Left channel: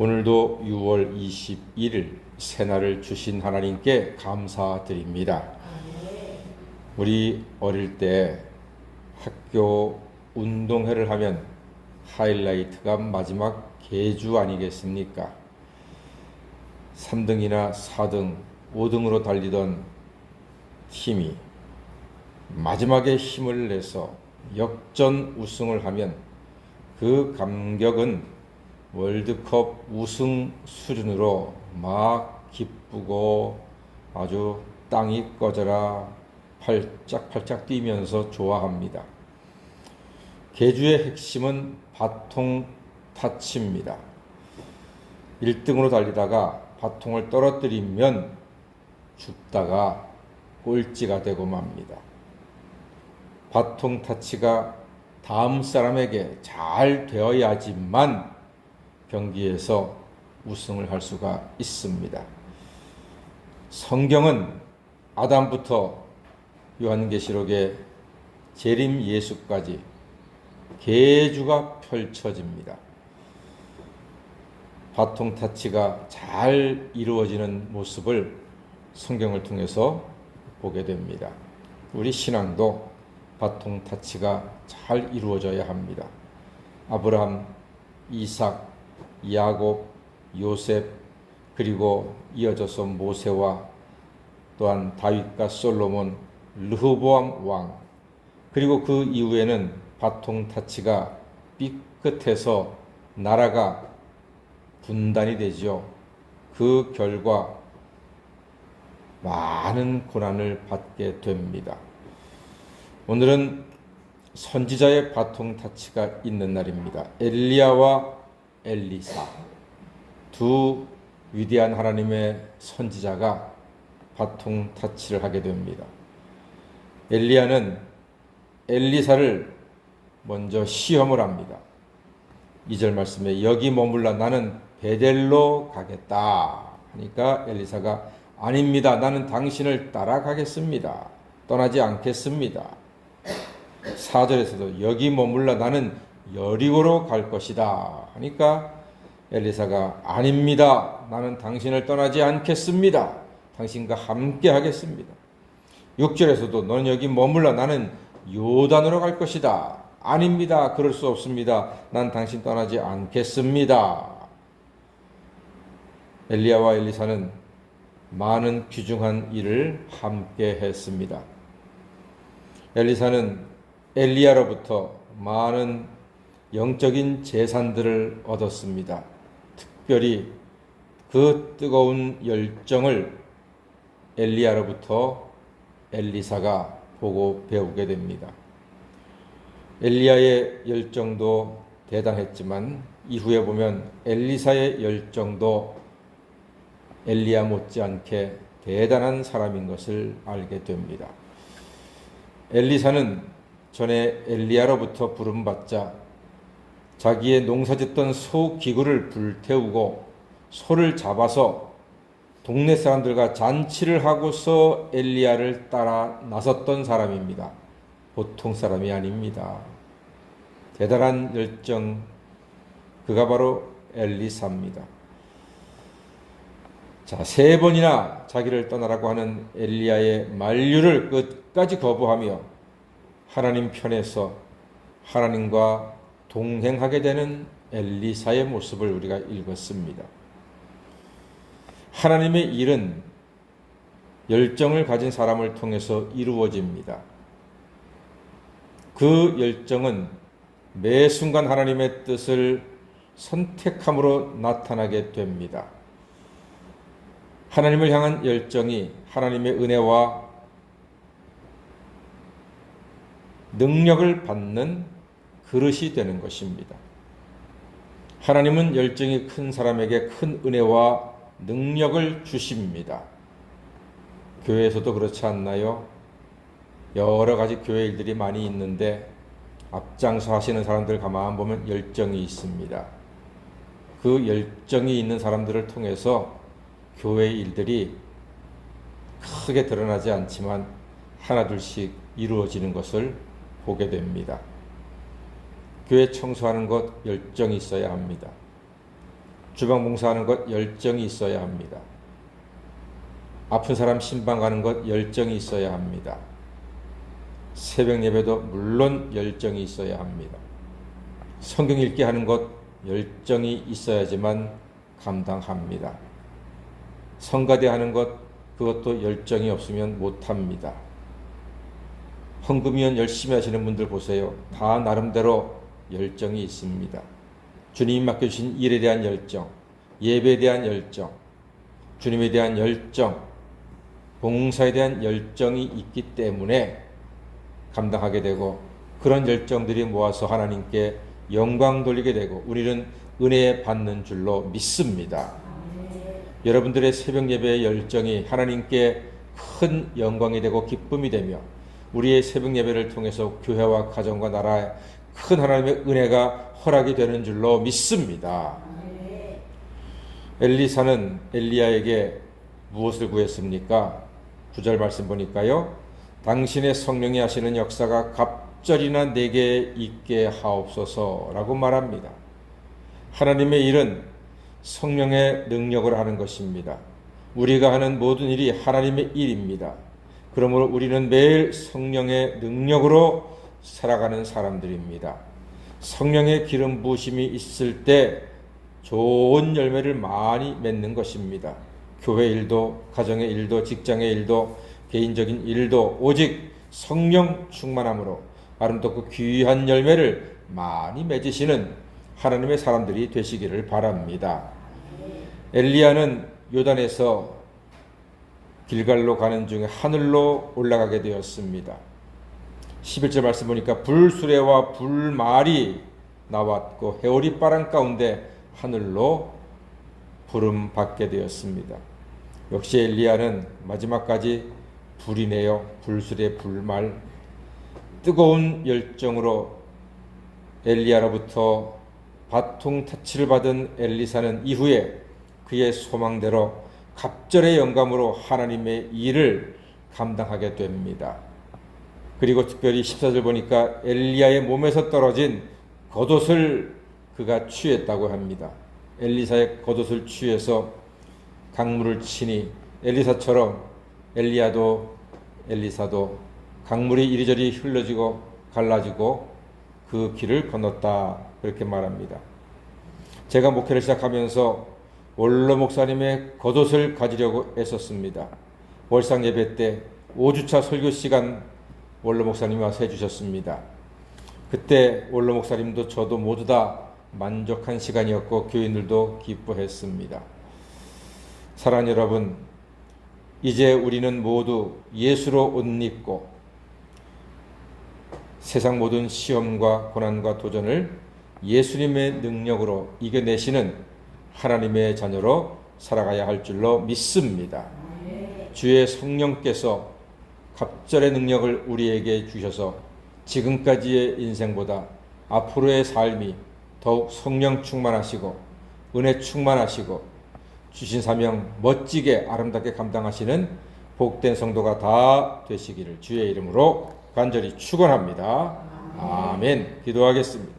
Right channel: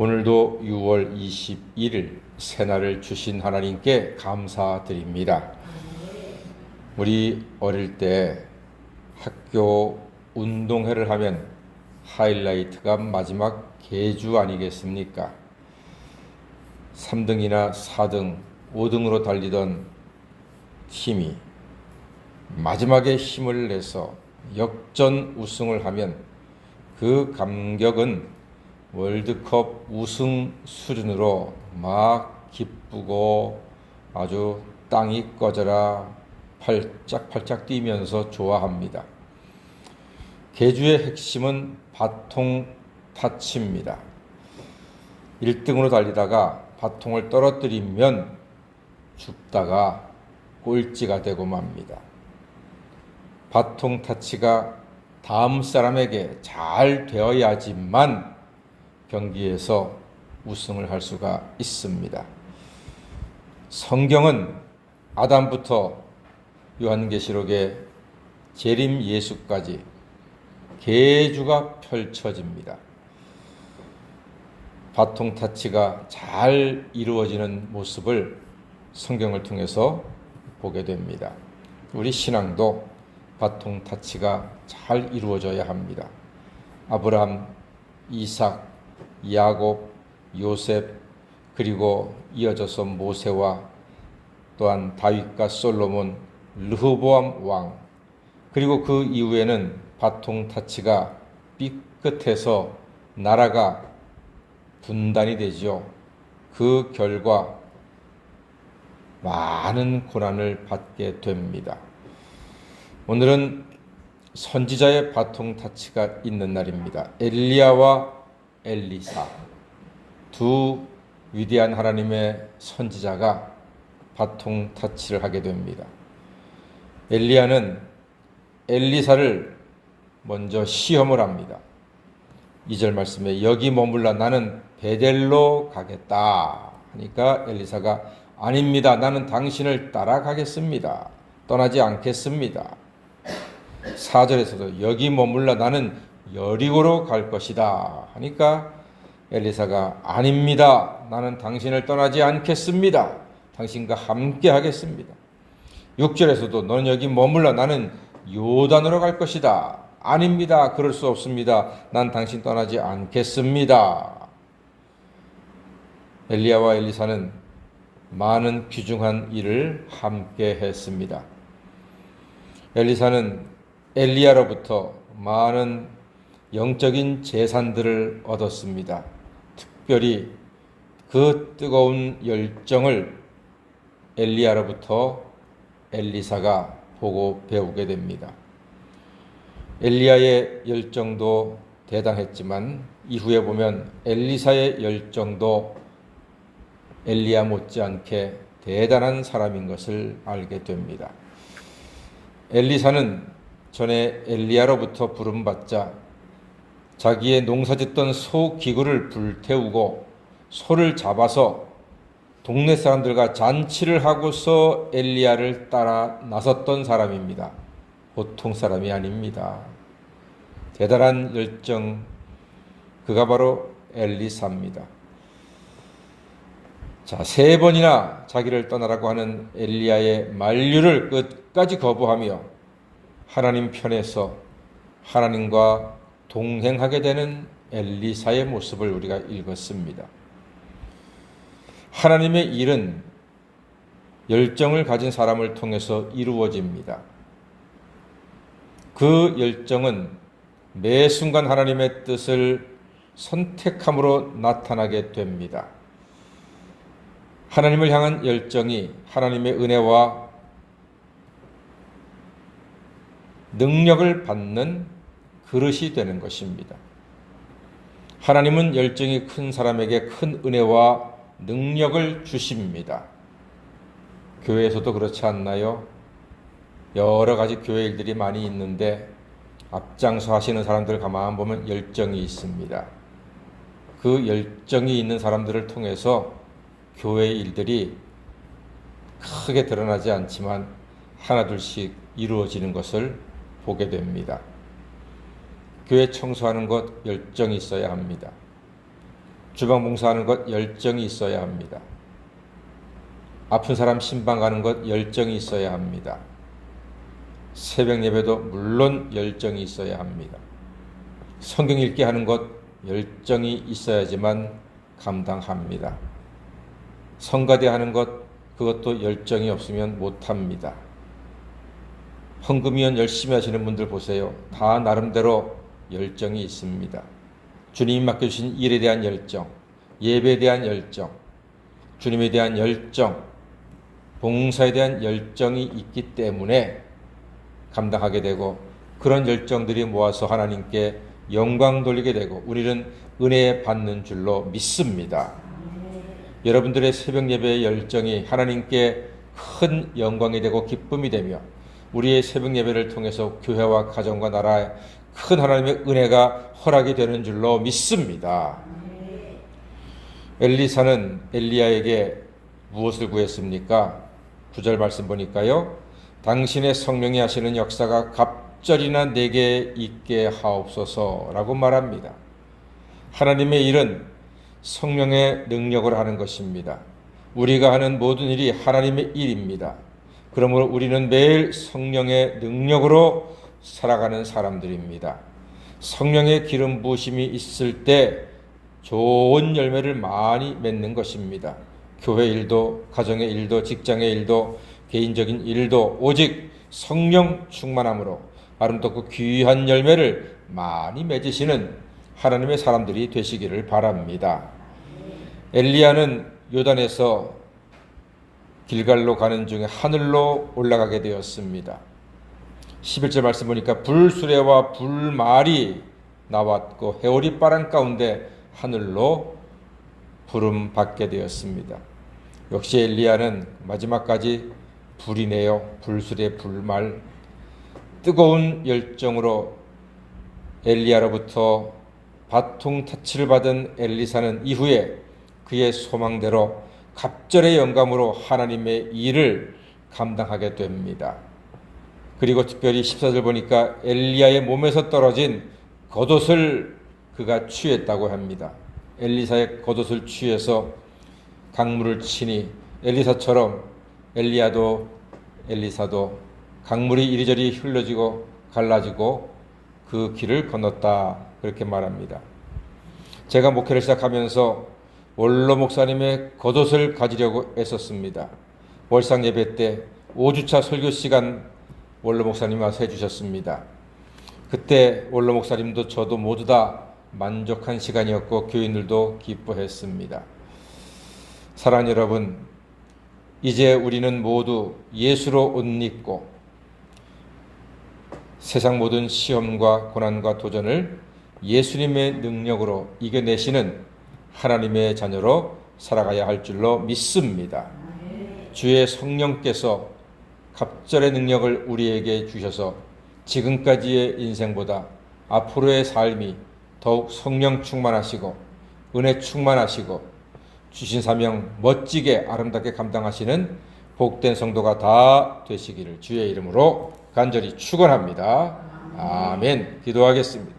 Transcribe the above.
오늘도 6월 21일 새날을 주신 하나님께 감사드립니다. 우리 어릴 때 학교 운동회를 하면 하이라이트가 마지막 계주 아니겠습니까? 3등이나 4등, 5등으로 달리던 팀이 마지막에 힘을 내서 역전 우승을 하면 그 감격은 월드컵 우승 수준으로 막 기쁘고 아주 땅이 꺼져라 팔짝팔짝 뛰면서 좋아합니다. 계주의 핵심은 바통 타치입니다. 1등으로 달리다가 바통을 떨어뜨리면 죽다가 꼴찌가 되고 맙니다. 바통 타치가 다음 사람에게 잘 되어야지만 경기에서 우승을 할 수가 있습니다. 성경은 아담부터 요한계시록의 재림 예수까지 계주가 펼쳐집니다. 바통 타치가 잘 이루어지는 모습을 성경을 통해서 보게 됩니다. 우리 신앙도 바통 타치가 잘 이루어져야 합니다. 아브라함, 이삭, 야곱, 요셉, 그리고 이어져서 모세와 또한 다윗과 솔로몬, 르호보암 왕, 그리고 그 이후에는 바통 타치가 삐끗해서 나라가 분단이 되죠. 그 결과 많은 고난을 받게 됩니다. 오늘은 선지자의 바통 타치가 있는 날입니다. 엘리야와 엘리사, 두 위대한 하나님의 선지자가 바통 타치를 하게 됩니다. 엘리야는 엘리사를 먼저 시험을 합니다. 2절 말씀에 여기 머물라 나는 베델로 가겠다 하니까 엘리사가 아닙니다. 나는 당신을 따라가겠습니다. 떠나지 않겠습니다. 4절에서도 여기 머물라 나는 여리고로 갈 것이다 하니까 엘리사가 아닙니다. 나는 당신을 떠나지 않겠습니다. 당신과 함께 하겠습니다. 6절에서도 너는 여기 머물라 나는 요단으로 갈 것이다. 아닙니다. 그럴 수 없습니다. 난 당신 떠나지 않겠습니다. 엘리야와 엘리사는 많은 귀중한 일을 함께 했습니다. 엘리사는 엘리야로부터 많은 영적인 재산들을 얻었습니다. 특별히 그 뜨거운 열정을 엘리야로부터 엘리사가 보고 배우게 됩니다. 엘리야의 열정도 대단했지만 이후에 보면 엘리사의 열정도 엘리야 못지않게 대단한 사람인 것을 알게 됩니다. 엘리사는 전에 엘리야로부터 부름받자 자기의 농사짓던 소 기구를 불태우고 소를 잡아서 동네 사람들과 잔치를 하고서 엘리야를 따라 나섰던 사람입니다. 보통 사람이 아닙니다. 대단한 열정, 그가 바로 엘리사입니다. 자, 3번이나 자기를 떠나라고 하는 엘리야의 만류를 끝까지 거부하며 하나님 편에서 하나님과 동행하게 되는 엘리사의 모습을 우리가 읽었습니다. 하나님의 일은 열정을 가진 사람을 통해서 이루어집니다. 그 열정은 매 순간 하나님의 뜻을 선택함으로 나타나게 됩니다. 하나님을 향한 열정이 하나님의 은혜와 능력을 받는 그릇이 되는 것입니다. 하나님은 열정이 큰 사람에게 큰 은혜와 능력을 주십니다. 교회에서도 그렇지 않나요? 여러 가지 교회 일들이 많이 있는데 앞장서 하시는 사람들 가만 보면 열정이 있습니다. 그 열정이 있는 사람들을 통해서 교회 일들이 크게 드러나지 않지만 하나둘씩 이루어지는 것을 보게 됩니다. 교회 청소하는 것 열정이 있어야 합니다. 주방 봉사하는 것 열정이 있어야 합니다. 아픈 사람 신방 가는 것 열정이 있어야 합니다. 새벽 예배도 물론 열정이 있어야 합니다. 성경 읽게 하는 것 열정이 있어야지만 감당합니다. 성가대 하는 것 그것도 열정이 없으면 못합니다. 헌금위원 열심히 하시는 분들 보세요. 다 나름대로 열정이 있습니다. 주님이 맡겨주신 일에 대한 열정, 예배에 대한 열정, 주님에 대한 열정, 봉사에 대한 열정이 있기 때문에 감당하게 되고 그런 열정들이 모아서 하나님께 영광 돌리게 되고 우리는 은혜 받는 줄로 믿습니다. 여러분들의 새벽 예배의 열정이 하나님께 큰 영광이 되고 기쁨이 되며 우리의 새벽 예배를 통해서 교회와 가정과 나라에 큰 하나님의 은혜가 허락이 되는 줄로 믿습니다. 엘리사는 엘리야에게 무엇을 구했습니까? 9절 말씀 보니까요. 당신의 성령이 하시는 역사가 갑절이나 내게 있게 하옵소서라고 말합니다. 하나님의 일은 성령의 능력으로 하는 것입니다. 우리가 하는 모든 일이 하나님의 일입니다. 그러므로 우리는 매일 성령의 능력으로 살아가는 사람들입니다. 성령의 기름 부으심이 있을 때 좋은 열매를 많이 맺는 것입니다. 교회 일도, 가정의 일도, 직장의 일도, 개인적인 일도 오직 성령 충만함으로 아름답고 귀한 열매를 많이 맺으시는 하나님의 사람들이 되시기를 바랍니다. 엘리야는 요단에서 길갈로 가는 중에 하늘로 올라가게 되었습니다. 11절 말씀 보니까 불수레와 불말이 나왔고 해오리 바람 가운데 하늘로 부름 받게 되었습니다. 역시 엘리야는 마지막까지 불이네요. 불수레 불말 뜨거운 열정으로 엘리야로부터 바통 타치를 받은 엘리사는 이후에 그의 소망대로 갑절의 영감으로 하나님의 일을 감당하게 됩니다. 그리고 특별히 14절 보니까 엘리야의 몸에서 떨어진 겉옷을 그가 취했다고 합니다. 엘리사의 겉옷을 취해서 강물을 치니 엘리사처럼 엘리사도 강물이 이리저리 흘러지고 갈라지고 그 길을 건넜다 그렇게 말합니다. 제가 목회를 시작하면서 원로 목사님의 겉옷을 가지려고 애썼습니다. 월상 예배 때 5주차 설교 시간 원로 목사님이 와서 해주셨습니다. 그때 원로 목사님도 저도 모두 다 만족한 시간이었고 교인들도 기뻐했습니다. 사랑하는 여러분, 이제 우리는 모두 예수로 옷 입고 세상 모든 시험과 고난과 도전을 예수님의 능력으로 이겨내시는 하나님의 자녀로 살아가야 할 줄로 믿습니다. 주의 성령께서 갑절의 능력을 우리에게 주셔서 지금까지의 인생보다 앞으로의 삶이 더욱 성령 충만하시고 은혜 충만하시고 주신 사명 멋지게 아름답게 감당하시는 복된 성도가 다 되시기를 주의 이름으로 간절히 축원합니다. 아멘. 기도하겠습니다.